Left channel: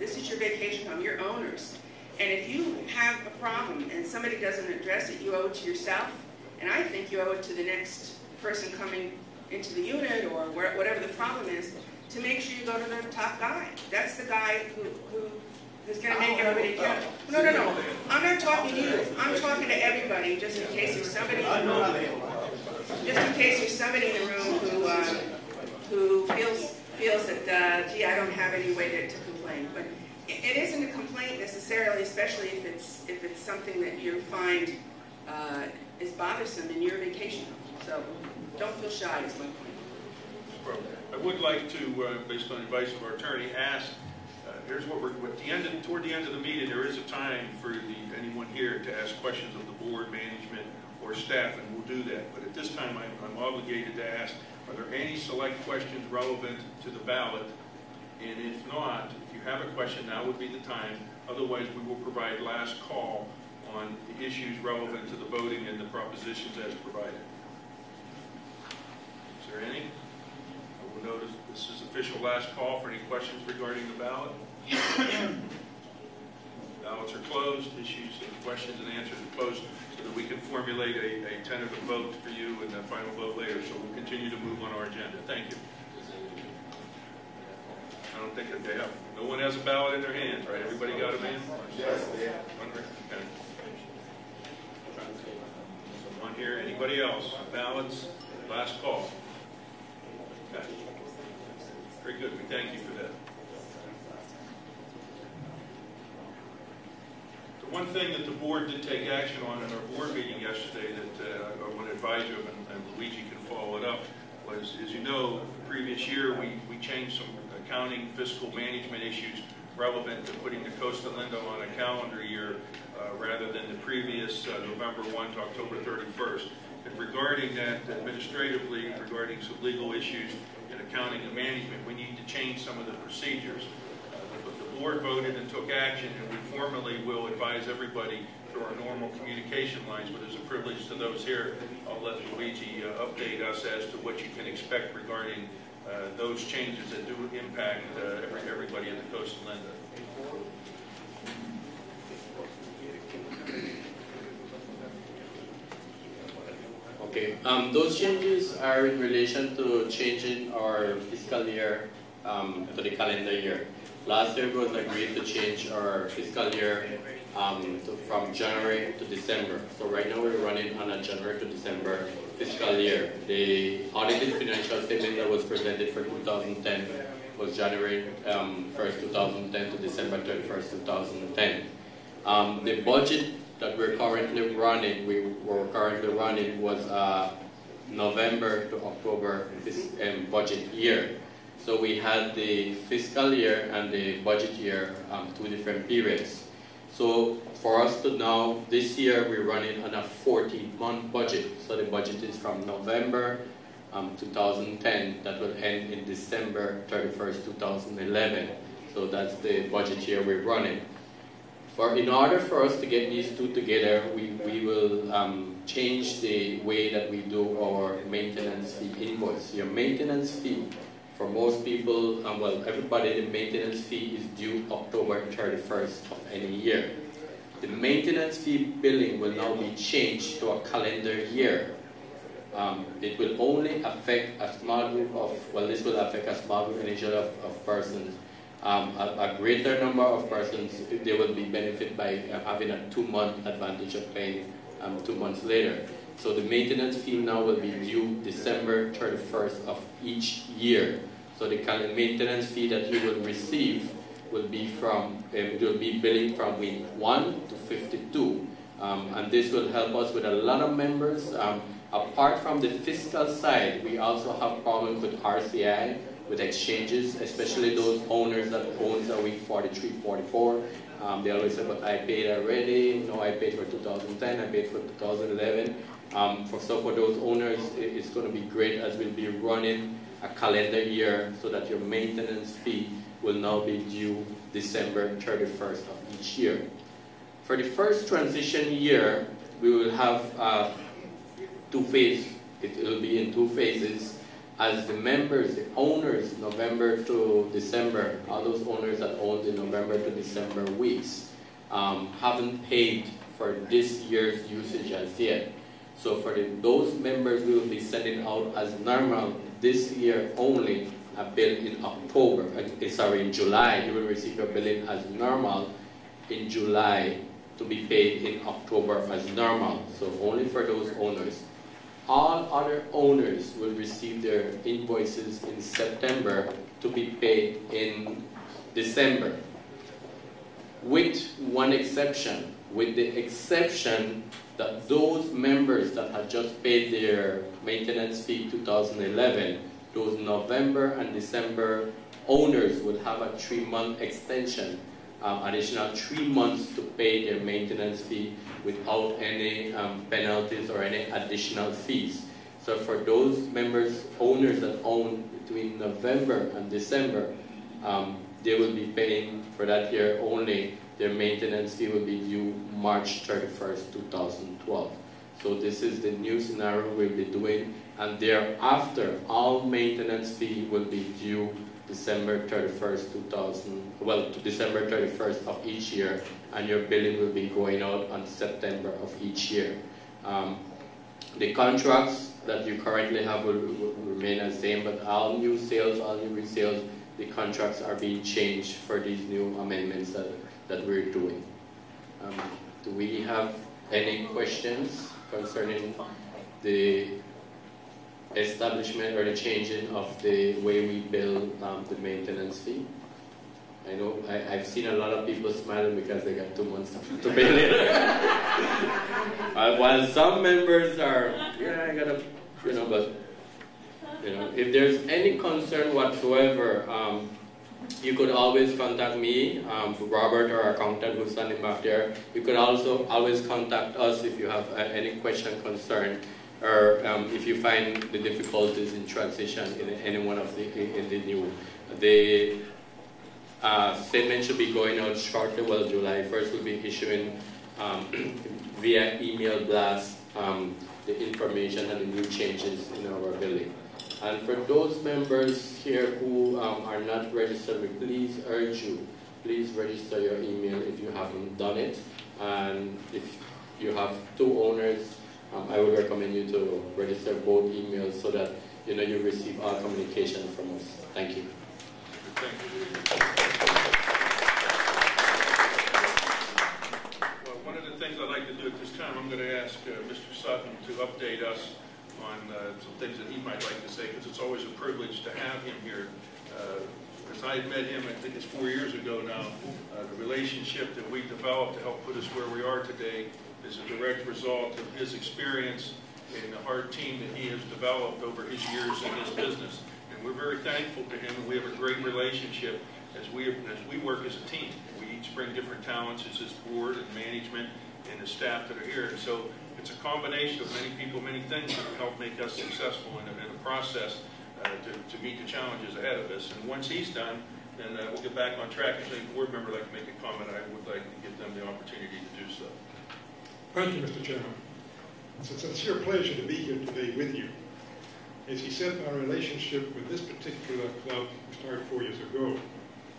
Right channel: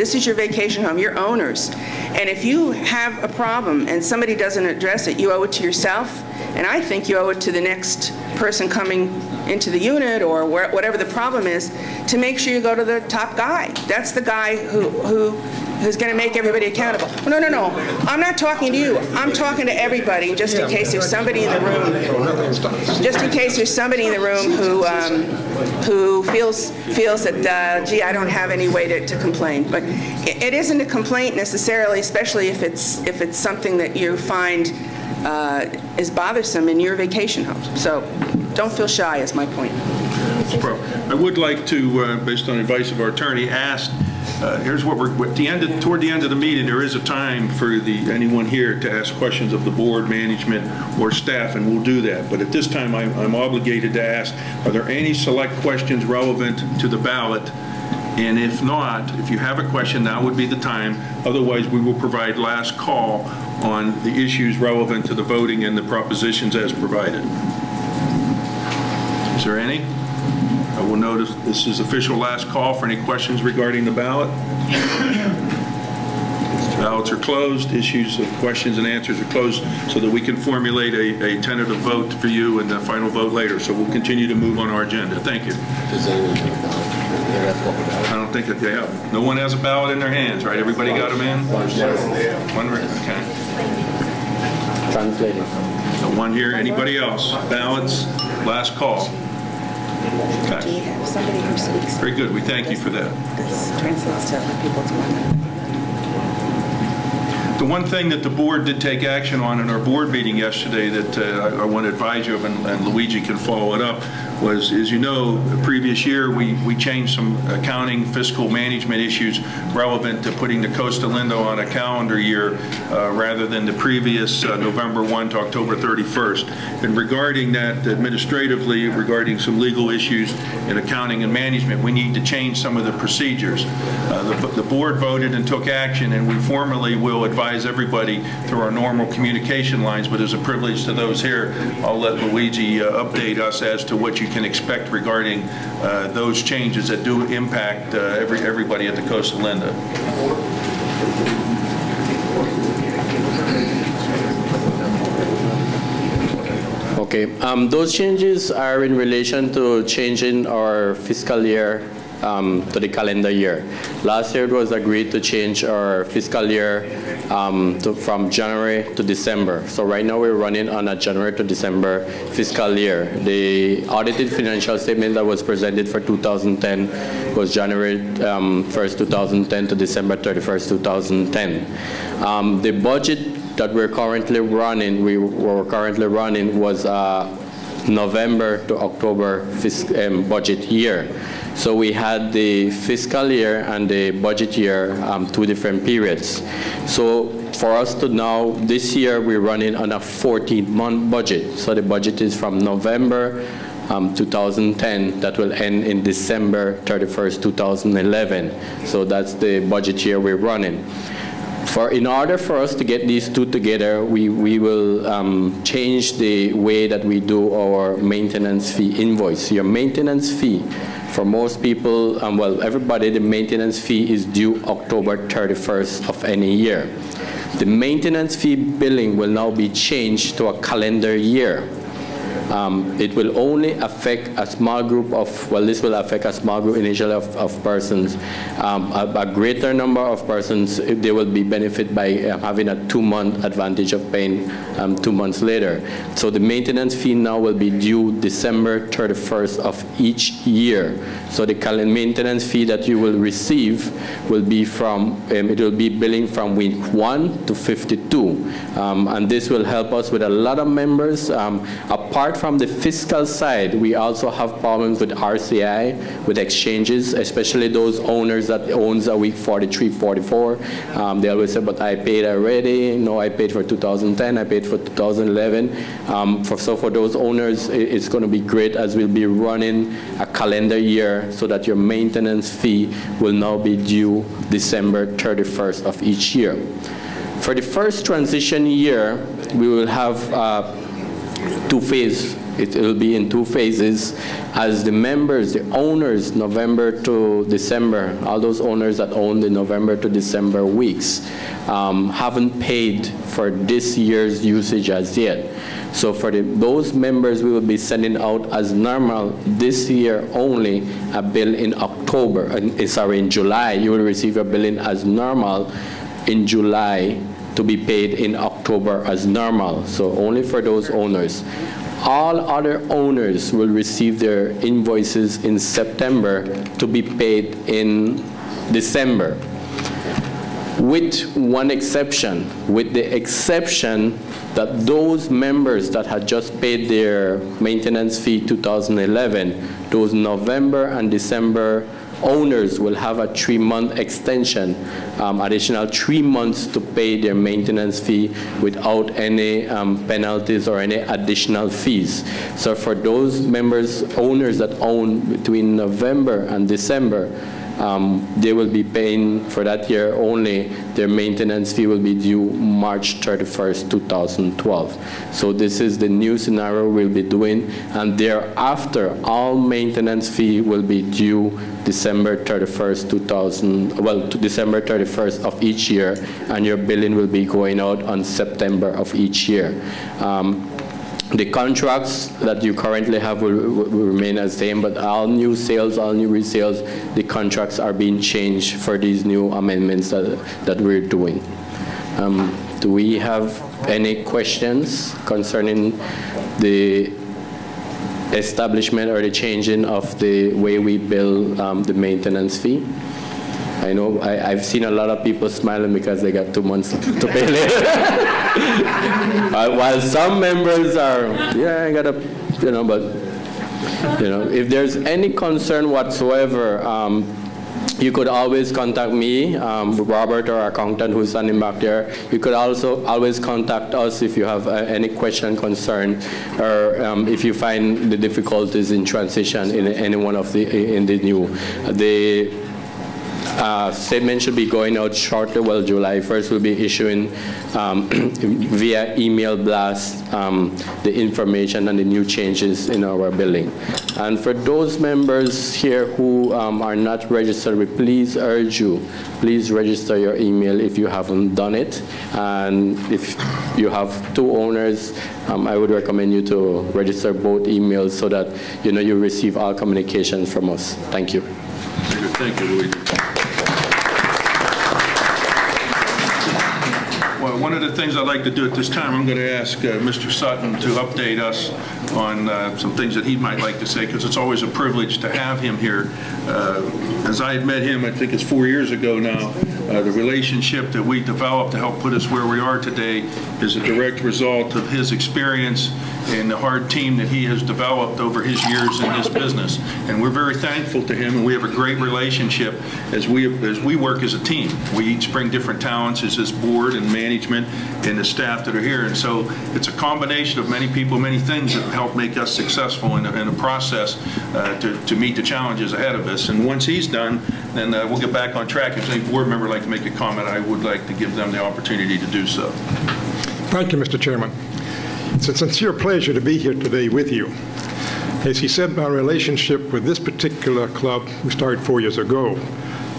This is your vacation home. You're owners. And if you have a problem and somebody doesn't address it, you owe it to yourself, and I think you owe it to the next person coming into the unit or whatever the problem is, to make sure you go to the top guy. That's the guy who's going to make everybody accountable. No, no, no. I'm not talking to you. I'm talking to everybody, just in case there's somebody in the room. Just in case there's somebody in the room who feels that, gee, I don't have any way to complain. But it isn't a complaint necessarily, especially if it's something that you find is bothersome in your vacation home. So don't feel shy is my point. I would like to, based on the advice of our attorney, ask, here's what we're, toward the end of the meeting, there is a time for anyone here to ask questions of the board, management, or staff, and we'll do that. But at this time, I'm obligated to ask, are there any select questions relevant to the ballot? And if not, if you have a question, now would be the time. Otherwise, we will provide last call on the issues relevant to the voting and the propositions as provided. Is there any? I will notice this is official last call for any questions regarding the ballot. Ballots are closed. Issues of questions and answers are closed so that we can formulate a tentative vote for you and the final vote later. So we'll continue to move on our agenda. Thank you. I don't think that they have. No one has a ballot in their hands, right? Everybody got them in? One, okay. Translating. So one here. Anybody else? Ballots, last call. Okay. Do you have somebody who speaks? Very good. We thank you for that. This translates to other people to one. The one thing that the board did take action on in our board meeting yesterday that I want to advise you of, and Luigi can follow it up, was, as you know, the previous year we changed some accounting fiscal management issues relevant to putting the Costa Lindo on a calendar year rather than the previous November 1 to October 31st. And regarding that, administratively, regarding some legal issues in accounting and management, we need to change some of the procedures. The board voted and took action, and we formally will advise everybody through our normal communication lines, but as a privilege to those here, I'll let Luigi update us as to what you can expect regarding those changes that do impact everybody at the Costa Linda. Okay, those changes are in relation to changing our fiscal year to the calendar year. Last year it was agreed to change our fiscal year from January to December. So right now we're running on a January to December fiscal year. The audited financial statement that was presented for 2010 was January 1st, 2010 to December 31st, 2010. The budget that we're currently running, was November to October budget year. So we had the fiscal year and the budget year, 2 different periods. So for us to now, this year we're running on a 14-month budget. So the budget is from November 2010 that will end in December 31st, 2011. So that's the budget year we're running. In order for us to get these two together, we will change the way that we do our maintenance fee invoice. Your maintenance fee, for most people, well, everybody, the maintenance fee is due October 31st of any year. The maintenance fee billing will now be changed to a calendar year. It will only affect a small group of, well, this will affect a small group initially of persons. A greater number of persons, they will be benefited by having a 2-month advantage of paying 2 months later. So the maintenance fee now will be due December 31st of each year. So the maintenance fee that you will receive will be from, it will be billing from week 1 to 52. And this will help us with a lot of members. Apart from the fiscal side, we also have problems with RCI, with exchanges, especially those owners that owns a week 43, 44. They always say, but I paid already. No, I paid for 2010, I paid for 2011. So for those owners, it's going to be great as we'll be running a calendar year so that your maintenance fee will now be due December 31st of each year. For the first transition year, we will have 2 phases it will be in 2 phases. As the members, the owners, November to December, all those owners that own the November to December weeks, haven't paid for this year's usage as yet. So for those members, we will be sending out as normal this year only a bill in October. In July. You will receive a billing as normal in July to be paid in October as normal. So only for those owners. All other owners will receive their invoices in September to be paid in December. With one exception, with the exception that those members that had just paid their maintenance fee 2011, those November and December owners will have a 3-month extension, additional 3 months to pay their maintenance fee without any penalties or any additional fees. So for those members, owners that own between November and December, they will be paying for that year only. Their maintenance fee will be due March 31st, 2012. So this is the new scenario we'll be doing, and thereafter, all maintenance fee will be due December 31st, December 31st of each year, and your billing will be going out on September of each year. The contracts that you currently have will remain as same, but all new sales, all new resales, the contracts are being changed for these new amendments that we're doing. Do we have any questions concerning the establishment or the changing of the way we bill the maintenance fee? I know I've seen a lot of people smiling because they got 2 months to pay later. While some members are, yeah, I gotta, but, if there's any concern whatsoever, you could always contact me, Robert, our accountant who's standing back there. You could also always contact us if you have any question, concern, or if you find the difficulties in transition in any one of the new. Statement should be going out shortly. Well, July 1st will be issuing via email blast the information and the new changes in our billing. And for those members here who are not registered, we please urge you, please register your email if you haven't done it. And if you have 2 owners, I would recommend you to register both emails so that you receive all communications from us. Thank you. Thank you, Luigi. Well, one of the things I'd like to do at this time, I'm going to ask Mr. Sutton to update us on some things that he might like to say, because it's always a privilege to have him here. As I had met him, I think it's 4 years ago now, the relationship that we developed to help put us where we are today is a direct result of his experience and the hard team that he has developed over his years in this business. And we're very thankful to him, and we have a great relationship as we work as a team. We each bring different talents as this board and management and the staff that are here. And so it's a combination of many people, many things that help make us successful in a process to meet the challenges ahead of us. And once he's done, then we'll get back on track. If any board member would like to make a comment, I would like to give them the opportunity to do so. Thank you, Mr. Chairman. It's a sincere pleasure to be here today with you. As he said, my relationship with this particular club, we started 4 years ago,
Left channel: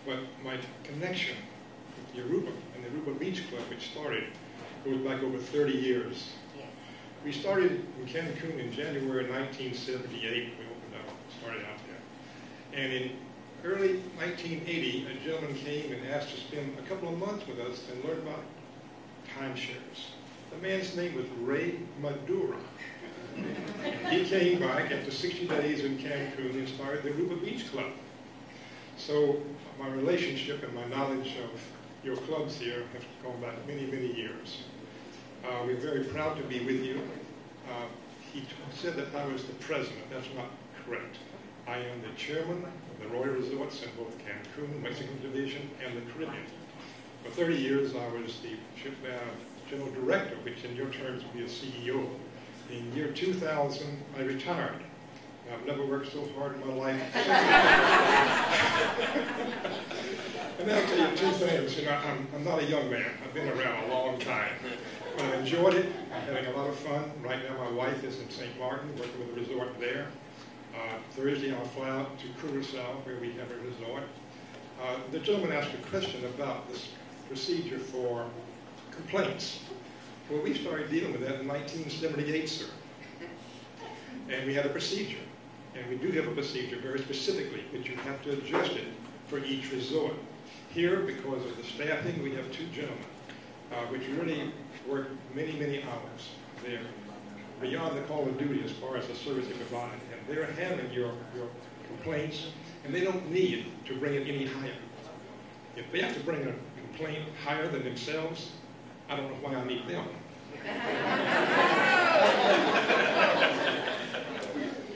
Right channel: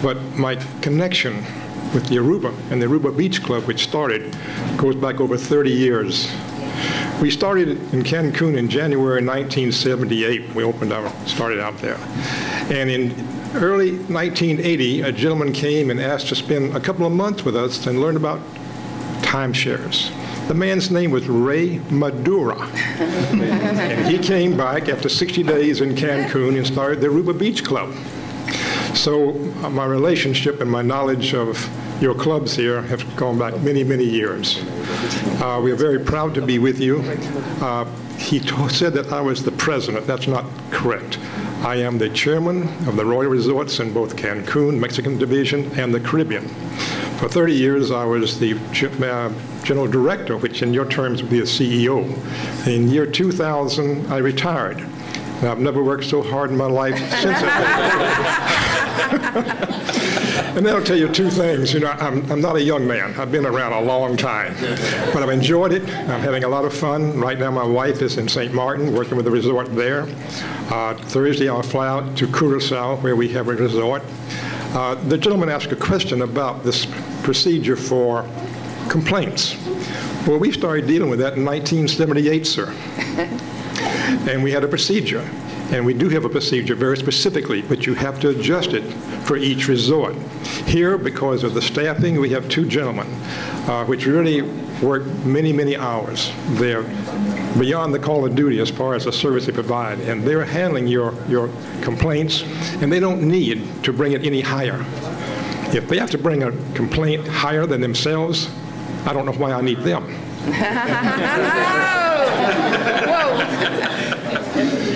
but my connection with the Aruba and the Aruba Beach Club, which started, goes back over 30 years. We started in Cancun in January 1978. We started out there. And in early 1980, a gentleman came and asked to spend a couple of months with us and learn about timeshares. The man's name was Ray Madura. And he came back after 60 days in Cancun and started the Aruba Beach Club. So my relationship and my knowledge of your clubs here have gone back many, many years. We are very proud to be with you. He said that I was the president. That's not correct. I am the chairman of the Royal Resorts in both Cancun, Mexican Division, and the Caribbean. For 30 years, I was the general director, which in your terms would be a CEO. In year 2000, I retired. And I've never worked so hard in my life since that. And that'll tell you two things. You know, I'm not a young man. I've been around a long time. But I've enjoyed it. I'm having a lot of fun. Right now, my wife is in St. Martin, working with the resort there. Thursday, I'll fly out to Curacao, where we have a resort. The gentleman asked a question about this procedure for complaints. Well, we started dealing with that in 1978, sir. And we had a procedure. And we do have a procedure very specifically, but you have to adjust it for each resort. Here, because of the staffing, we have two gentlemen, which really work many, many hours. They're beyond the call of duty as far as the service they provide, and they're handling your complaints, and they don't need to bring it any higher. If they have to bring a complaint higher than themselves, I don't know why I need them.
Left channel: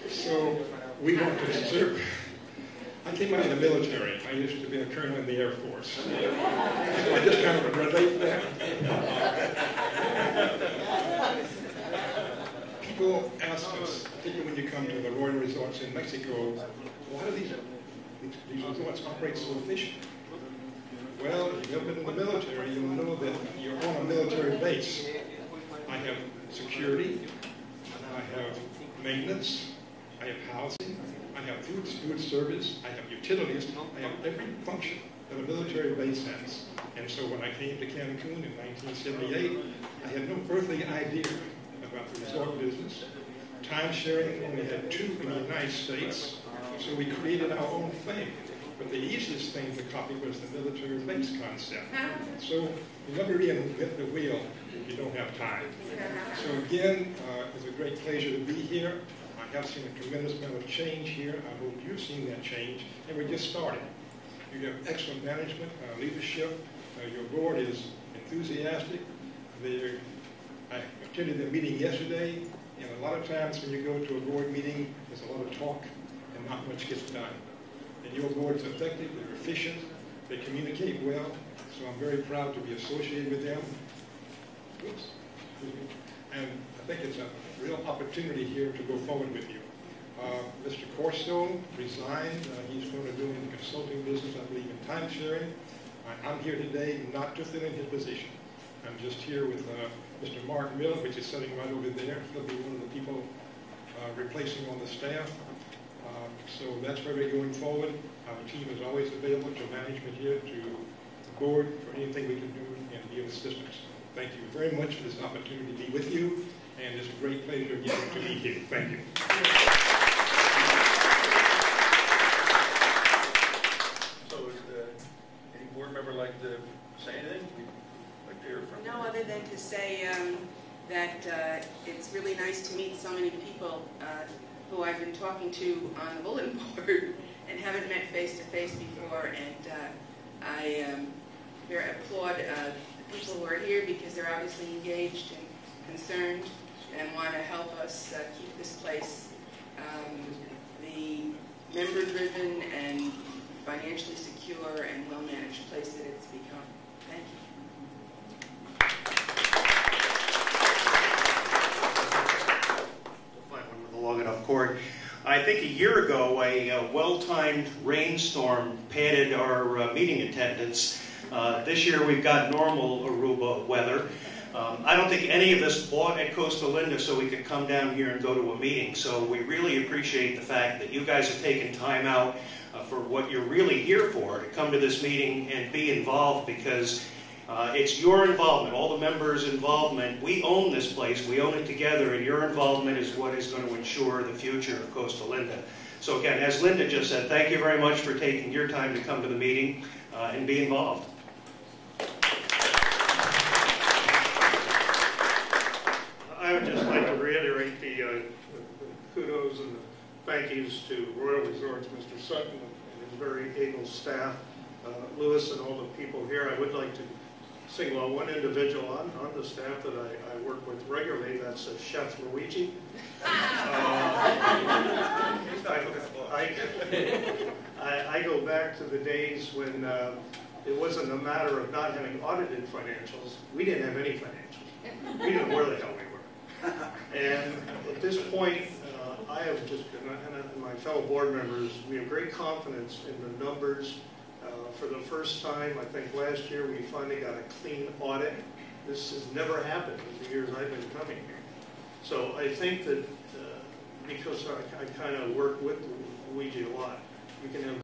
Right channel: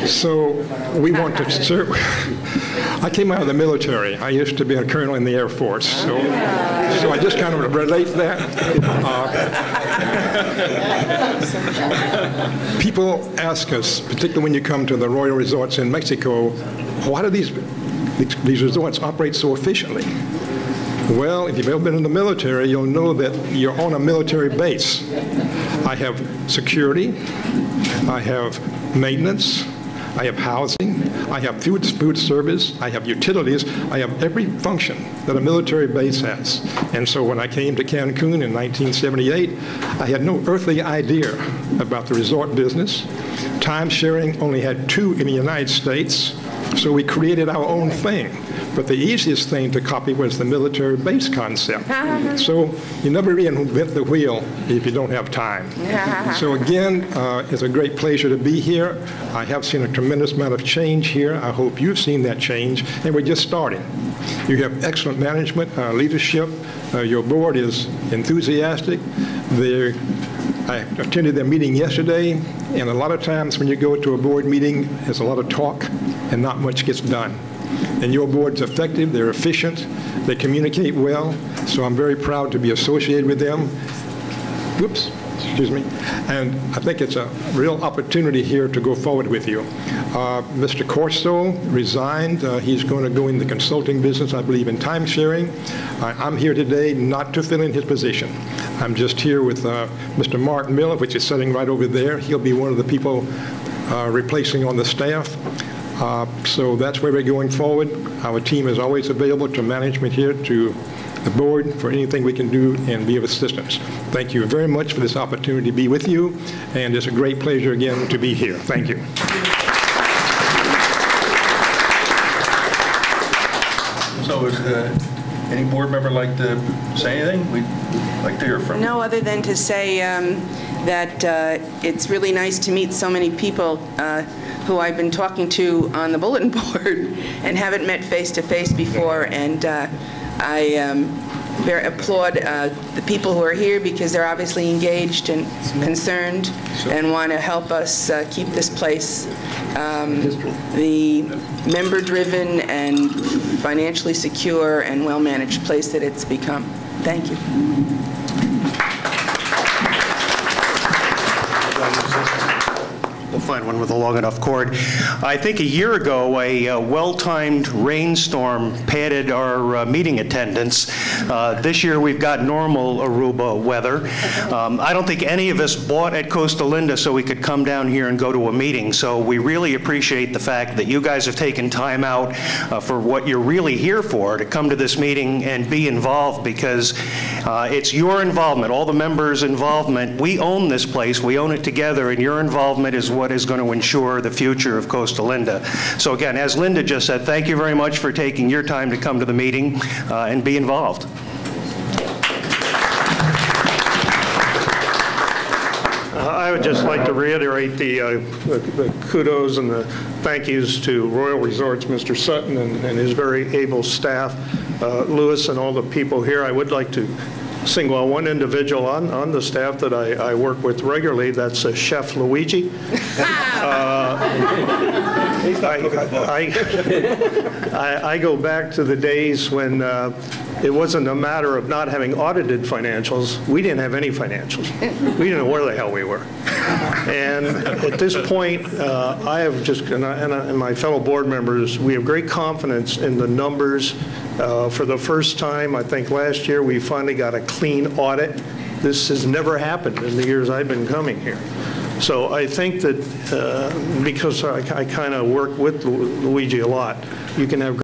So we want to serve. I came out of the military. I used to be a colonel in the Air Force. So I just kind of relate that. People ask us, particularly when you come to the Royal Resorts in Mexico, why do these resorts operate so efficiently? Well, if you've ever been in the military, you'll know that you're on a military base. I have security, I have maintenance, I have housing, I have food service, I have utilities, I have every function that a military base has. And so when I came to Cancun in 1978, I had no earthly idea about the resort business. Time sharing only had 2 in the United States, so we created our own thing. But the easiest thing to copy was the military base concept. So you never reinvent the wheel if you don't have time. So again, it's a great pleasure to be here. I have seen a tremendous amount of change here. I hope you've seen that change, and we're just starting. You have excellent management, leadership. Your board is enthusiastic. I attended their meeting yesterday, and a lot of times when you go to a board meeting, there's a lot of talk and not much gets done. And your board's effective, they're efficient, they communicate well, so I'm very proud to be associated with them. Whoops, excuse me. And I think it's a real opportunity here to go forward with you. Mr. Costa resigned. He's going to go in the consulting business, I believe, in time sharing. I'm here today not to fill in his position. I'm just here with Mr. Mark Miller, which is sitting right over there. He'll be one of the people replacing on the staff. So that's where we're going forward. Our team is always available to management here, to the board, for anything we can do and be of assistance. Thank you very much for this opportunity to be with you, and it's a great pleasure again to be here. Thank you. So is any board member like to say anything? We'd like to hear from you. No, other than to say that it's really nice to meet so many people who I've been talking to on the bulletin board and haven't met face-to-face before. And I applaud the people who are here because they're obviously engaged and concerned and want to help us keep this place the member-driven and financially secure and well-managed place that it's become. Thank you. We'll find one with a long enough cord. I think a year ago, a well-timed rainstorm padded our meeting attendance. This year, we've got normal Aruba weather. I don't think any of us bought at Costa Linda so we could come down here and go to a meeting. So we really appreciate the fact that you guys have taken time out for what you're really here for, to come to this meeting and be involved, because it's your involvement, all the members' involvement. We own this place, we own it together, and your involvement is what is going to ensure the future of Costa Linda. So again, as Linda just said, thank you very much for taking your time to come to the meeting and be involved. I would just like to reiterate the kudos and the thank yous to Royal Resorts, Mr. Sutton and his very able staff, Lewis and all the people here. I would like to single out one individual on the staff that I work with regularly. That's Chef Luigi. I go back to the days when it wasn't a matter of not having audited financials. We didn't have any financials. We didn't know where the hell we were. And at this point, I have just, and my fellow board members, we have great confidence in the numbers. For the first time, I think last year, we finally got a clean audit. This has never happened in the years I've been coming here. So I think that because I kind of work with Luigi a lot, you can have